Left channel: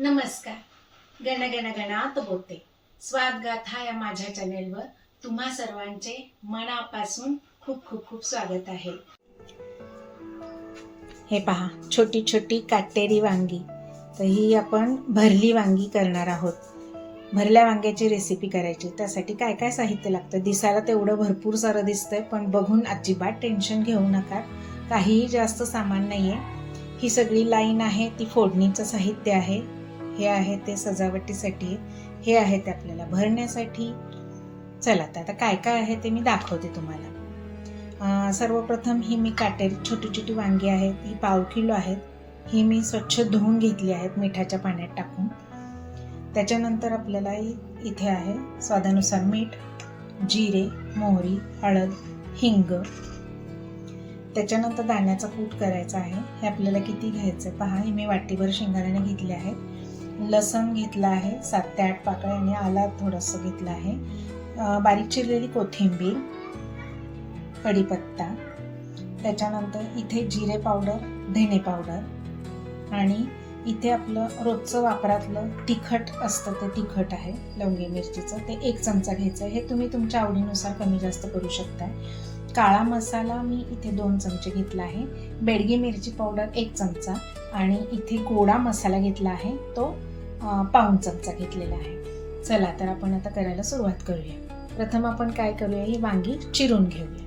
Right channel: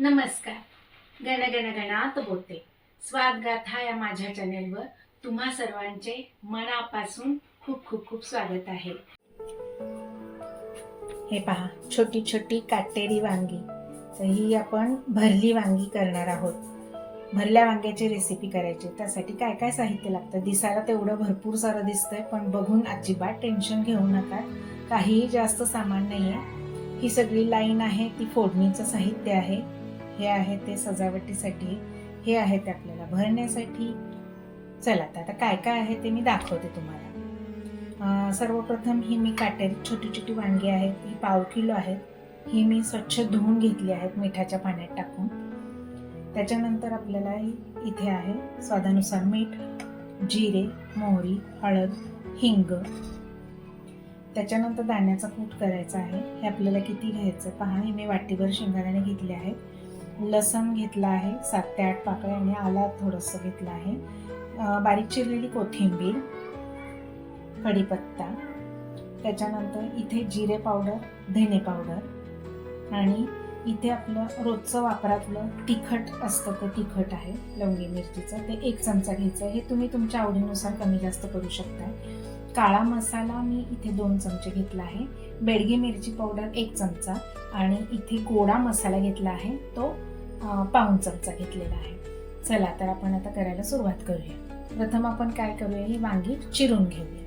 नमस्कार. गण गण गणात बोलते स्वादगाथा या माझ्या चॅनेलवर तुम्हा सर्वांचे मनापासून खूप खूप खूप स्वागत आहे. हे पहा छोटी छोटी काटेरी वांगी. तर ही आपण भरली वांगी करणार आहोत. भरल्या वांग्याची रेसिपी करायची. त्यासाठी काय काय साहित्य लागतं? दिसायला तेवढं भरपूर सारं दिसतंय पण बघून अजिबात टेन्शन घेऊ नका. काहीही जास्त सामान नाही आहे ही सगळी लाईन आहे ती फोडणीचं साहित्य आहे. हे आहे ते सजावटीसाठी हे आहे ते आपल्याला भरण्यासाठी. चला तर आता काय काय आहे ते मी दाखवते तुम्हाला. सर्वप्रथम ही मी काटेरी छोटी छोटी वांगी आहेत ही पाव किलो आहेत. ही मी स्वच्छ धुवून घेतली आहेत मिठाच्या पाण्यात टाकून. त्याच्यानंतर आपल्याला इथे आहे स्वादानुसार मीठ जिरे मोहरी हळद हिंग. त्याच्यानंतर दाण्याचा कूट करायचा आहे. हे आपल्याला किती घ्यायचं पहा हे मी वाटीभर शेंगदाणे घेतले आहेत. लसण घेतला आहे सात ते आठ पाकळ्या आणि आला थोडंसं घेतलं आहे. बारीक चिरलेली कोथिंबीर कढीपत्ता त्याच्यानंतर इथे जिरे पावडर धणे पावडर आणि इथे आपलं रोजचं वापरातलं तिखट असतं ते तिखट आहे लवंगी मिरचीचं. ते एक चमचा घ्यायचं. आहे हे तुम्ही तुमच्या आवडीनुसार कमी जास्त करू शकताय. काळा मसाला मी इथे दोन चमचे घेतला आहे. बेडगी मिरची पावडर एक चमचा आणि इथे गोडा मसाला घेतला आहे. तो पाऊण चमचा घेतलेला आहे. चला तर आपण आता करायला सुरुवात करूया. प्रथम आपण काय करूया ही वांगी चिरून घेऊया.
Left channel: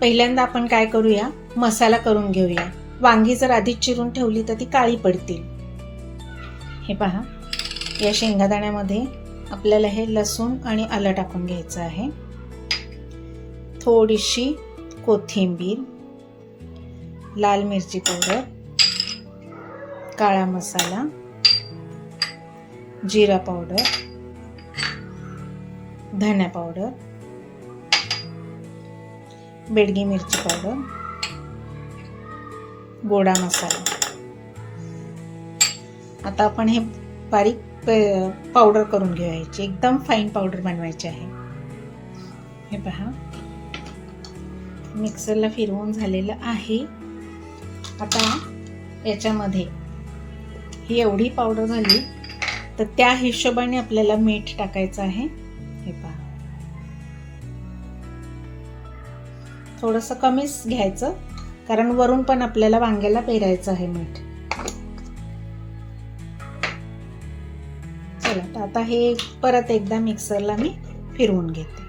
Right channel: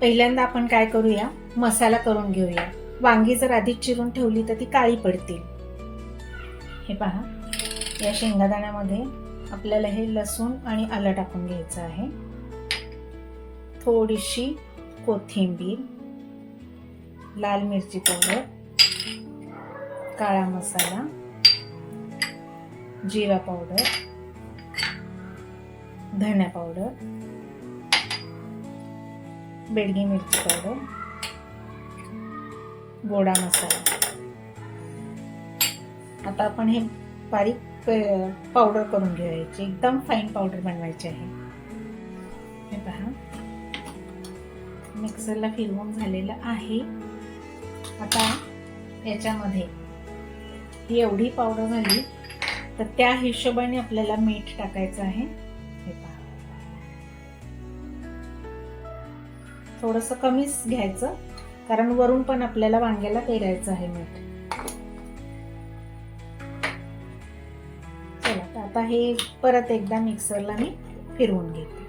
पहिल्यांदा आपण काय करूया मसाला करून घेऊया. वांगी जर आधीच चिरून ठेवली तर ती काळी पडतील. हे पहा या शेंगादाण्यामध्ये आपल्याला हे लसूण आणि आलं टाकून घ्यायचं आहे. थोडीशी कोथिंबीर लाल मिरची पावडर काळा मसाला जिरा पावडर धना पावडर बेडगी मिरची पावडर गोडा मसाला. आता आपण हे बारीक पावडर करून घ्यायची एकदम फाईन पावडर बनवायची आहे. हे पहा. मिक्सरला फिरवून झालेलं आहे. आता याच्यामध्ये ही एवढी पावडर झाली तर त्या हिशोबाने आपल्याला मीठ टाकायचं आहे. हे पहा. थोडंसं कमीच घ्यायचं कारण वरून पण आपल्याला वांग्याला पेरायचं आहे मीठ. चला तर आता हे परत एकदा मिक्सरला मी फिरवून घेते.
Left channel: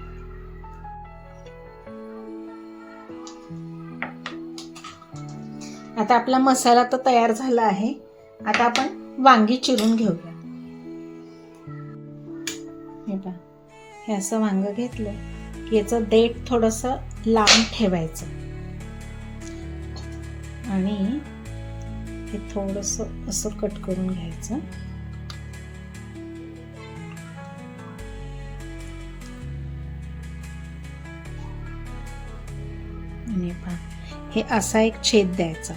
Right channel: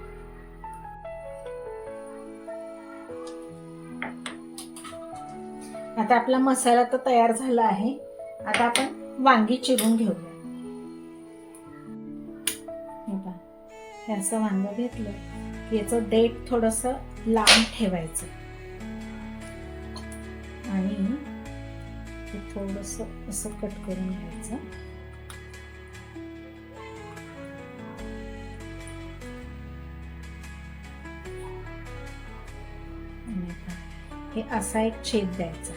आता आपला मसाला तर तयार झाला आहे. आता आपण वांगी चिरून घेऊया. हे पहा हे असं वांग घेतलं की याचं देठ थोडस लांब ठेवायचं. आणि हे थोडस असं कट करून घ्यायचं. आणि पहा हे असा एक छेद द्यायचा.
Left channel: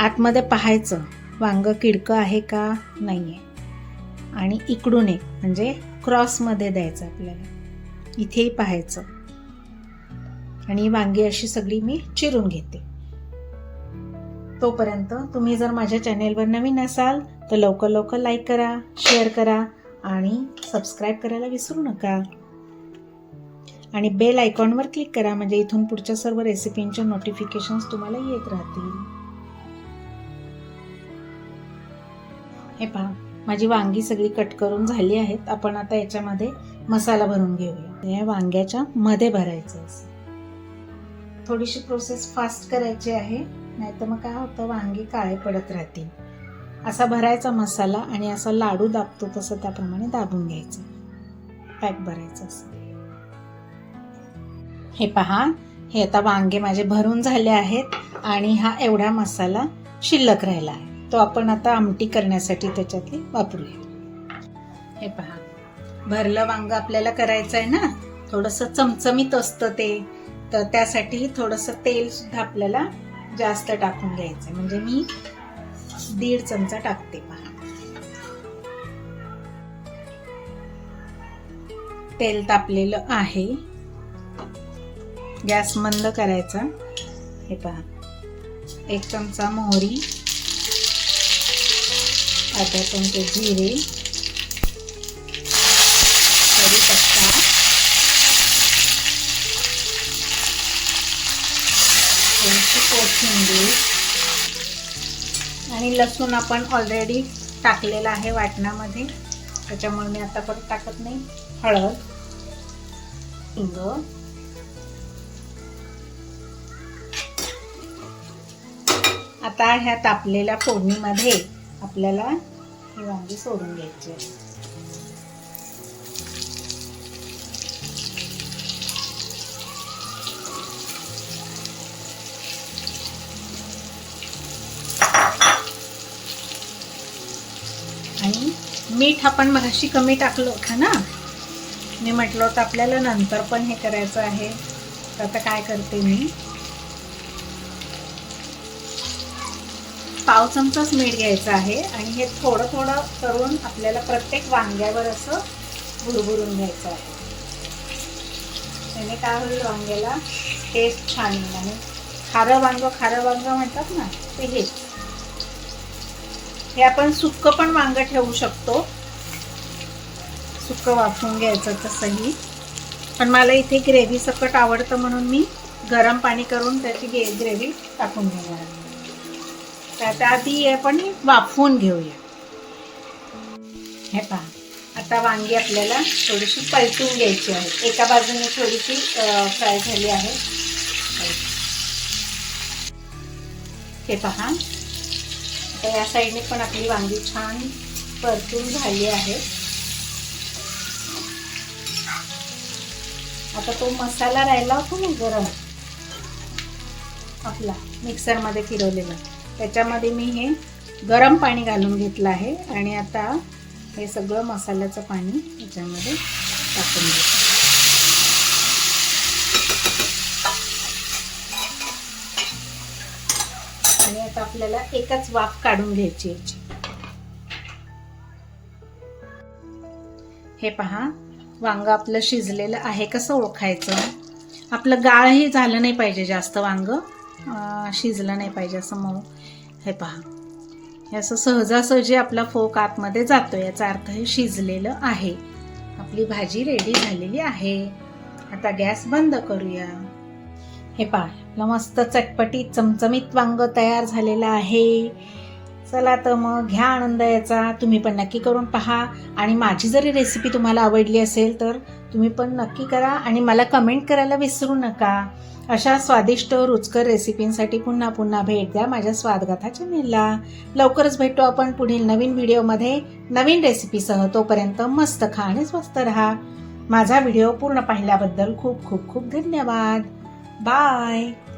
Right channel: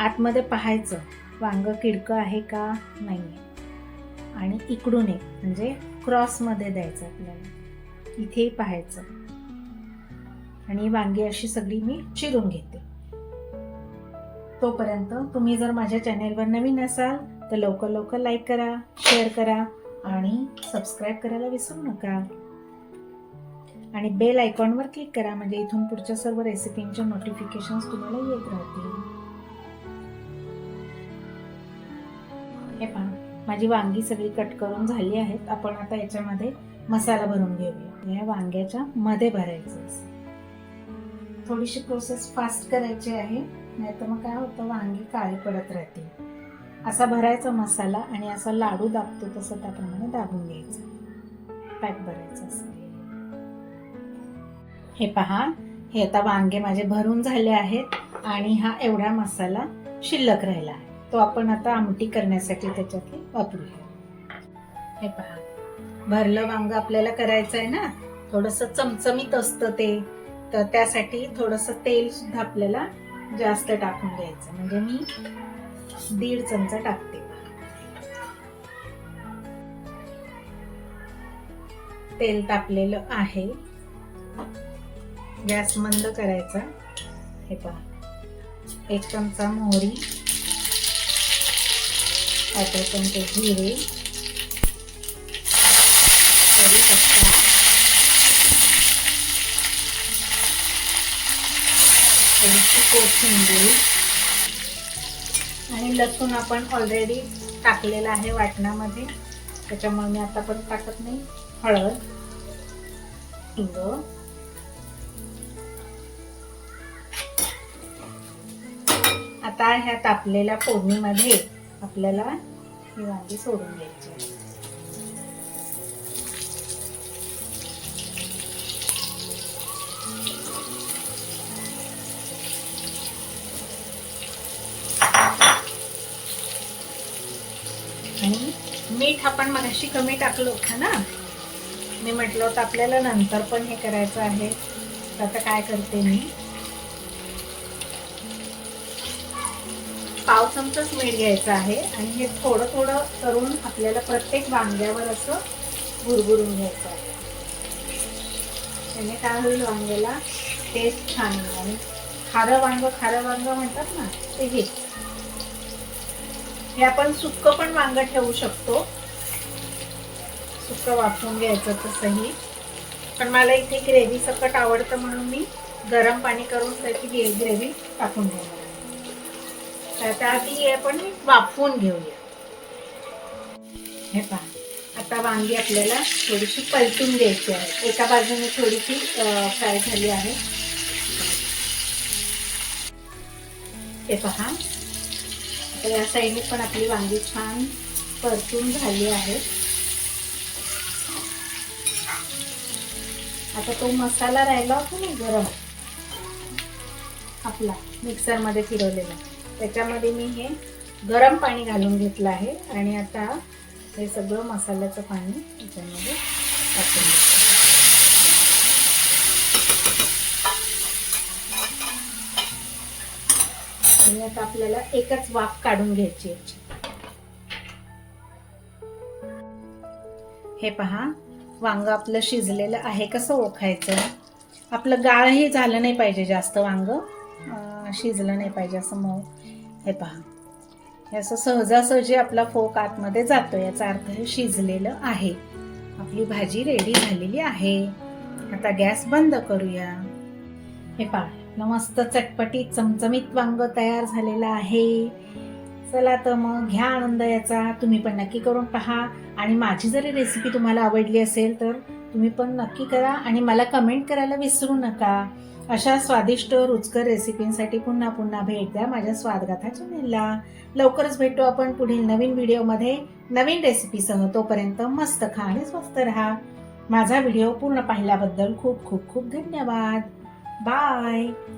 आतमध्ये पाहायचं वांगं किडकं आहे का नाही आहे आणि इकडून एक म्हणजे क्रॉसमध्ये द्यायचं आपल्याला. इथेही पाहायचं. आणि वांगी अशी सगळी मी चिरून घेते. तोपर्यंत तुम्ही जर माझ्या चॅनेलवर नवीन असाल तर लवकर लवकर लाईक करा शेअर करा आणि सबस्क्राईब करायला विसरू नका. आणि बेल आयकॉनवर क्लिक करा म्हणजे इथून पुढच्या सर्व रेसिपींचे नोटिफिकेशन्स तुम्हाला येत राहतील. हे पहा माझी वांगी सगळी कट करून झाली आहेत. आपण आता याच्यामध्ये मसाला भरून घेऊया. या वांग्याच्या मध्ये भरायचं असं. थोडीशी प्रोसेस फास्ट करायची आहे. नाहीतर मग काय होतं वांगी काळे पडत राहतील. असा भरायचा मसाला आणि असा लाडू दाबतो तसं त्याप्रमाणे दाबून घ्यायचं. पॅक भरायचं असं. हे पहा हे आता वांगे माझे भरून झाले आहेत आणि हा एवढा मसाला शिल्लक राहिला आहे. तो आपण आता आमटी करण्यासाठी त्याच्यातली वापरूया. हे पहा. भरलं वांग आपल्याला करायचं आहे ना? थोडंसं चमचमीत असतं ते. तर त्यासाठी थोडंसं तेल सुद्धा आपल्याला जास्त टाकून घ्यायचं म्हणजे मी दीड चमचा टाकते पहा. तेल तापलेलं आहे. गॅस मंद करायचा. हे पहा. एक चमचा मोहरी. आता चमचे जिरे कढीपत्ता थोडीशी कोथिंबीर आणि लसूण आपण ऑलरेडी टाकलेला आहे वाटणामध्ये. त्याच्यामुळे मी आता पण टाकत नाही. हळद हिंग आता ह्या तापलेल्या फोडणीमध्ये आपल्याला ही वांगी म्हणजे सोडून घ्यायची आणि मीठ आपण मगाशी कमी टाकलं होतं ना? मी म्हटलं होतं आपल्याला नंतर पण हे करायचं आहे. तर आता काय करते मी? पाव चमचाच मीठ घ्यायचं आहे आणि हे थोडं थोडं करून आपल्याला प्रत्येक वांग्यावर असं भुरभुरून घ्यायचं आहे. त्याने काय होईल वांग्याला टेस्ट छान येईल आणि खारं वांग खारं वांग म्हणतात ना ते हे हे आपण सुक्क पण वांग ठेवू शकतो. सुकं वाफवून घ्यायचं तसंही. पण मला इथे ग्रेव्ही सकट आवडतं म्हणून मी गरम पाणी करून त्याची ग्रेव्ही टाकून घेणार आहे. तर आता आधी आपण वाफवून घेऊया. हे पहा आता वांगी आपल्याला थोडीशी पलटून घ्यायची आहे. एका बाजूने थोडीशी फ्राय झाली आहे. हे पहा आता या साईडने पण आपली वांगी छान परतून झाली आहे. आता तो मसाला राहिला होता ना गरम आपला मिक्सरमध्ये फिरवलेला. त्याच्यामध्ये मी हे गरम पाणी घालून घेतलं आहे आणि आता हे सगळं मसाल्याचं पाणी याच्यामध्ये टाकून घ्यायचं आणि आता आपल्याला एकच वाफ काढून घ्यायची याची. हे पहा वांग आपलं शिजलेलं आहे कसं ओळखायचं? आपलं गाळही झालं नाही पाहिजे जास्त वांग. शिजलं नाही पाहिजे असं मऊ. हे पहा. हे असं सहजासहजी आपला फोक आतमध्ये जातो याचा अर्थ हे शिजलेलं आहे. आपली भाजी रेडी झालेली आहे. आता गॅस बंद करूया. हे पहा आपलं मस्त चटपटीत चमचमीत वांग तयार झालेलं आहे. चला तर मग घ्या आनंद याचा. तुम्ही पण नक्की करून पहा. आणि माझी जरी रेसिपी तुम्हाला आवडली असेल तर तुम्ही पण नक्की करा आणि मला कमेंट करायला विसरू नका. अशा स्वादिष्ट रुचकर रेसिपींसाठी पुन्हा पुन्हा भेट द्या माझ्या स्वादगाथा चॅनेलला. लवकरच भेटू आपण पुढील नवीन व्हिडिओमध्ये. नवीन रेसिपीसह तोपर्यंत मस्त खा आणि स्वस्त राहा. माझा व्हिडिओ पूर्ण पाहिल्याबद्दल खूप खूप खूप धन्यवाद. बाय.